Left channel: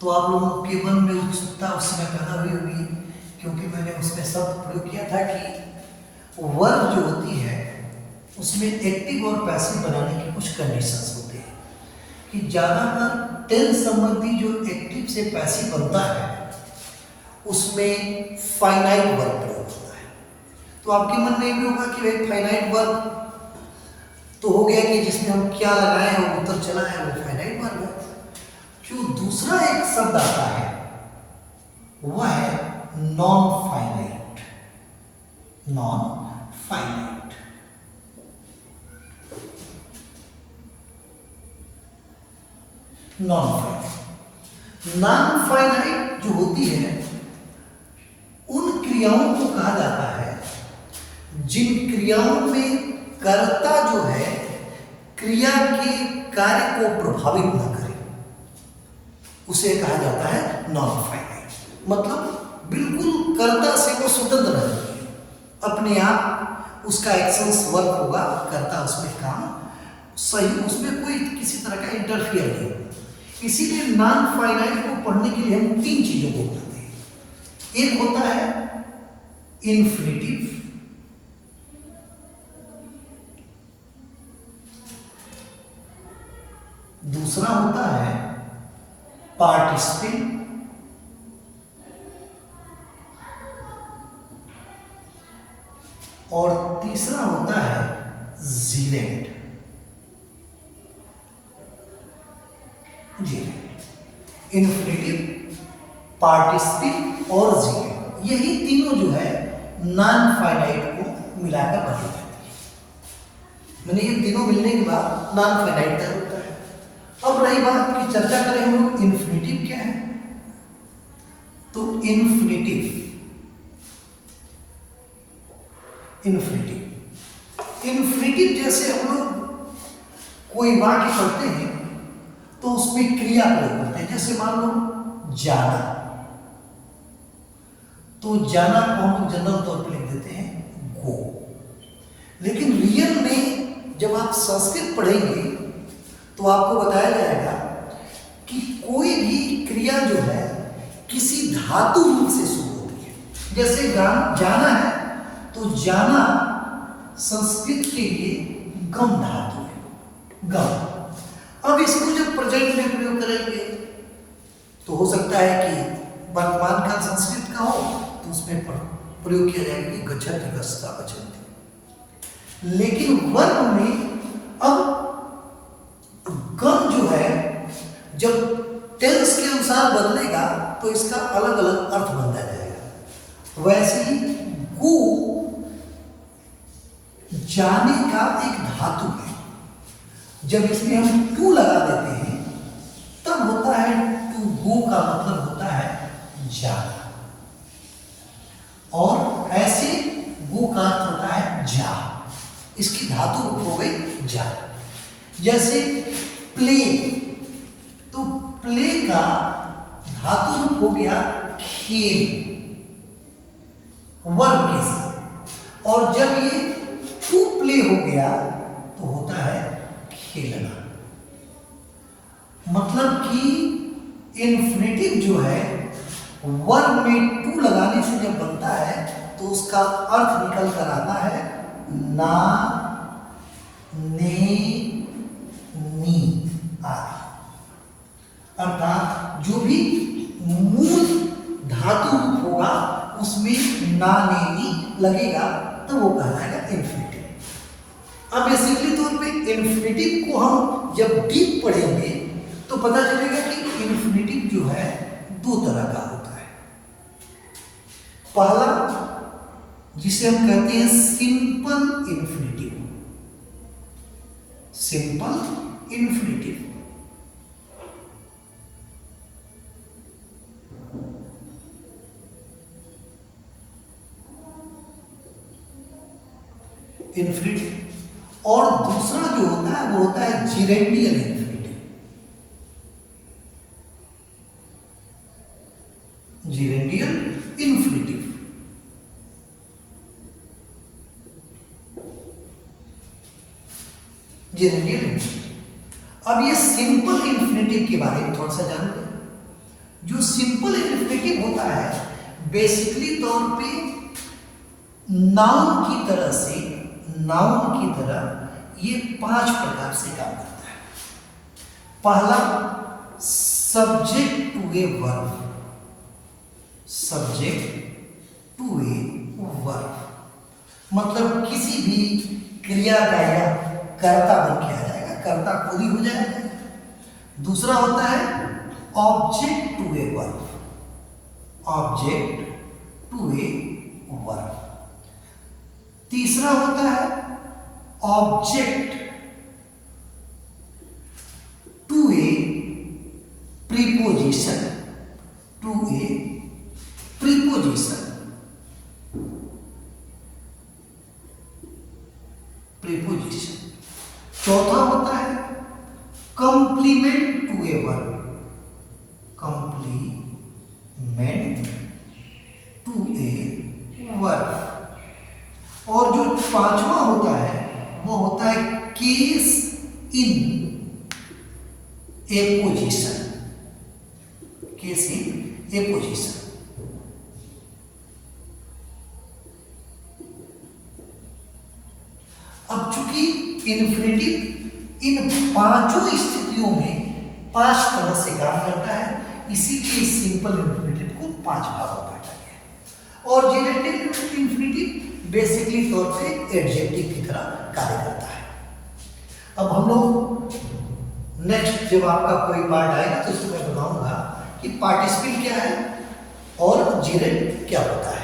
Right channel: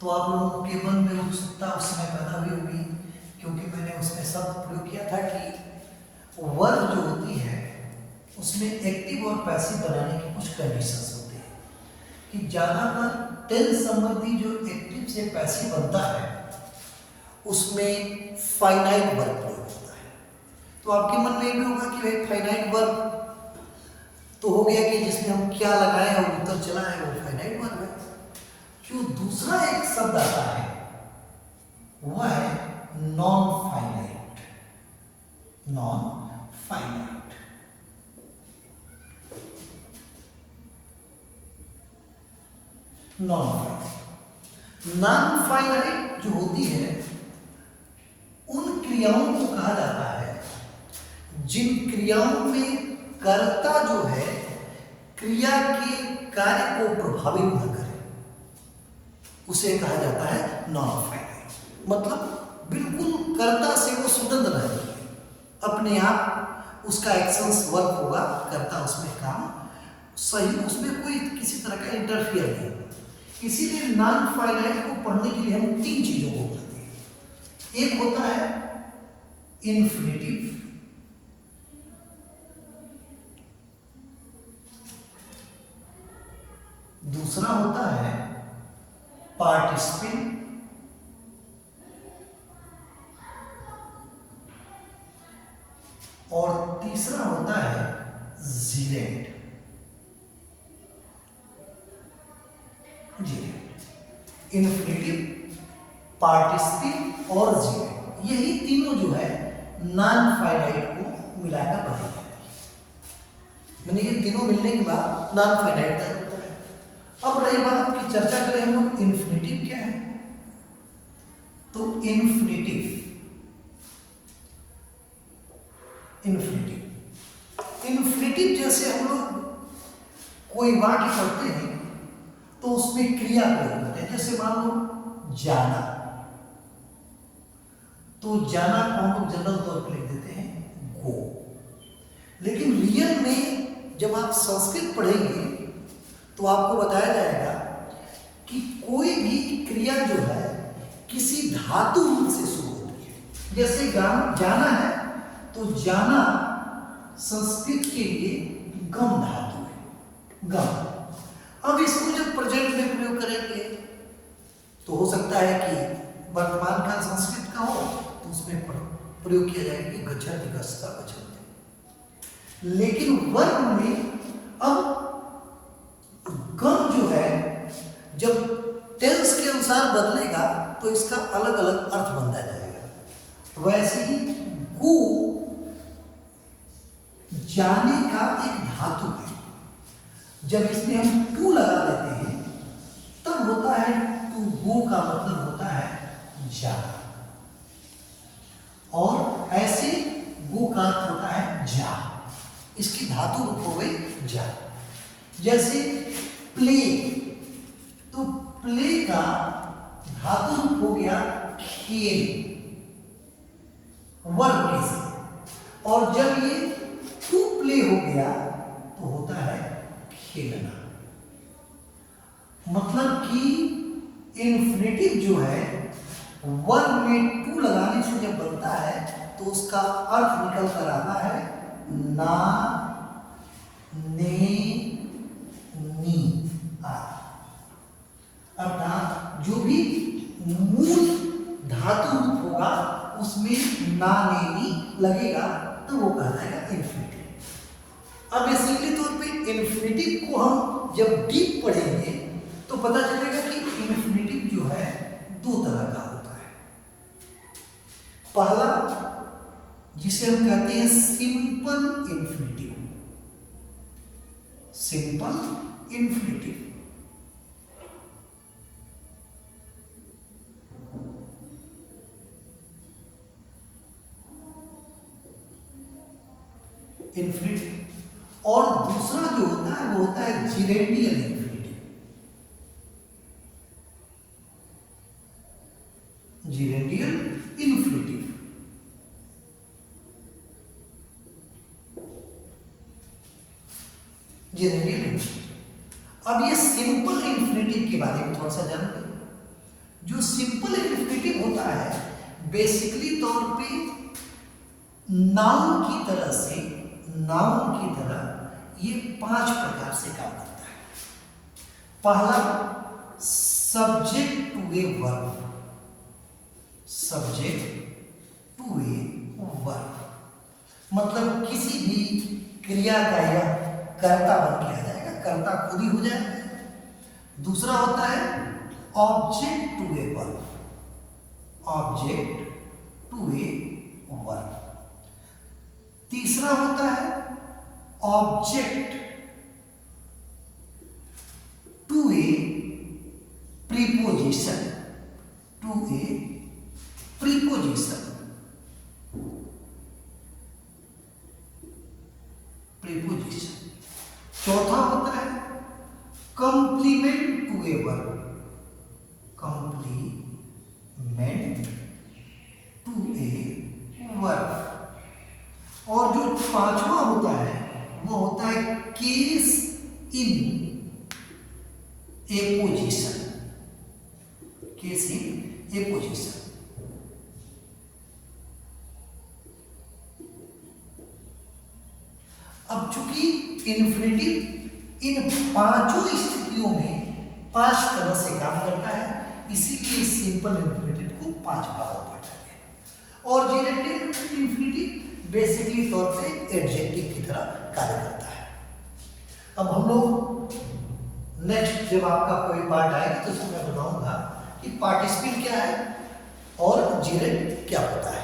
तो आप लोगों के मन में उत्सुकता उस समय पैदा हुई होगी, क्योंकि मैंने उसमें शब्द प्रयोग किया था कि वर्ब जो होती है उसमें एक्टिव और पैसिव बनाने की कुछ कंडीशंस होते हैं कि ज़्यादातर टेंस संबंधी जो एक्टिव से पैसिव बनता है उसमें फाइनाइट वर्ब प्रयोग होता है। तो आपके मन में ये भी होगा कि भाई फाइनाइट वर्ब तो हो गया कि जिसमें हम क्या लगाए हैं और उत्तर चला है वो फाइनाइट वर्ब है। जो दूसरा एक शब्द आता है वह है non finite. Non finite non finite जो होती है उन क्रियाओं को कहा जाता है जिन क्रियाओं में कर्ता जो है क्रिया के कार्य को प्रभावित न करे, उसे कहा जाता है नॉन फाइनाइट। मतलब बिल्कुल कर्ता से वो स्वतंत्र रहती है, अपने आप उसका एक्शंस वर्क होगा, कर्ता उसमें काम सही, उसमें कोई किसी तरह का इंटरफियर नहीं होगा। इसीलिए नॉन फाइनाइट को पढ़ने के लिए हम तीन चीजों को पढ़ते हैं। एक होता है इन्फिनिटिव, दूसरा होता है पार्टिसिपल, और तीसरा होता है जीलेंट। इन्फिनिटिव, पार्टिसिपल और जीलेंट, यही तीनों जो है नॉन फाइनाइट को मिलाकर बनी जाती है। मैंने ये तीनों मिलने के बाद नॉन फाइनाइट तैयार होता है। अब रही बात की चर्चा करें हम लोग इन्फिनिटिव क्या है। तो इन्फिनिटिव जैसे हम लोग कोई वाक्य पढ़ते हैं तो उसमें क्रिया प्रयोग करते हैं। जैसे मान लो जाना, तो जाना को हम लोग जनरल तौर पर लिख देते हैं गो। लेकिन रियल में जब आप संस्कृत पढ़ेंगे तो आपको बताया जाएगा कि कोई भी क्रिया जो है किसी धातु रूप से शुरू होती है। जैसे जाना है तो जाना संस्कृत के लिए गम धातु है, गम। अब इसको जब प्रेजेंट में प्रयोग करेंगे तो हो सकता है कि वर्तमान काल संस्कृत का हो तो उसमें प्रयोग किया जाएगा कि गच्छति गच्छता गच्छन्ति। लेकिन वर्ब में अब गम जो है जब टेंस के अनुसार बदलेगा तो इसका अलग अलग अर्थ बनता जाएगा। वैसे ही गो जाने का एक धातु है, जब इसमें हम टू लगा देते हैं तब होता है टू गो का मतलब होता है जाना, और ऐसे गो का अर्थ होता है जा, इसकी धातु हो गई जा। जैसे प्ले, तो प्ले का धातु रूप हो गया खेल, वर्ब के साथ, और जब ये टू प्ले हो गया तो होता है खेलना। मतलब कि इन्फिनिटिव जो है वर्ब में टू लगाने से जब बनता है तो उसका अर्थ निकल कर आता है ना, ने, नी आदि। अर्थात जो भी मूल धातु रूप होगा उसमें ना, ने, नी लगेगा तो वो कहलाएगा इन्फिनिटिव। अब बेसिकली तौर पे इन्फिनिटिव को हम जब डीप पढ़ेंगे तो पता चलेगा कि इन्फिनिटिव जो है दो तरह का होता है। पहला जिसे हम कहते हैं simple infinitive, simple infinitive. Infinitive, और दूसरा जो होता है वो होता है gerundial infinitive. Gerundial infinitive, gerundial infinitive. अब ये सिंपल इन्फिनिटिव के बारे में थोड़ा सा जान लें। जो सिंपल इन्फिनेटिव होता है बेसिकली तौर पे नाउन की तरह से, नाउन की तरह ये 5 प्रकार से काम करता है। पहला, subject to a verb, subject to a verb, मतलब किसी भी क्रिया का या कर्ता बन के आ जाएगा, कर्ता खुद ही हो जाएगा। दूसरा होता है object to a verb, object to a verb. तीसरा होता है object to a preposition, to a preposition, preposition. चौथा होता है complement to a verb, complement to a verb. और जो पांचवा होता है वो होता है case in a position, case in a position. अब चूंकि इन्फिनेटिव इन पांचों स्थितियों में 5 तरह से काम करता है, इसीलिए सिंपल इन्फिनेटिव को 5 भागों में बांटा गया है। और जेनेटिव इन्फिनेटिव बेसिकली तौर पे एडजेक्टिव की तरह कार्य करता है। अब हम लोग नेक्स्ट जब आपका कोई पार्ट आएगा तो उसको मैं बताऊंगा कि पार्टिसिपल क्या है और जेनेटिव क्या होता है।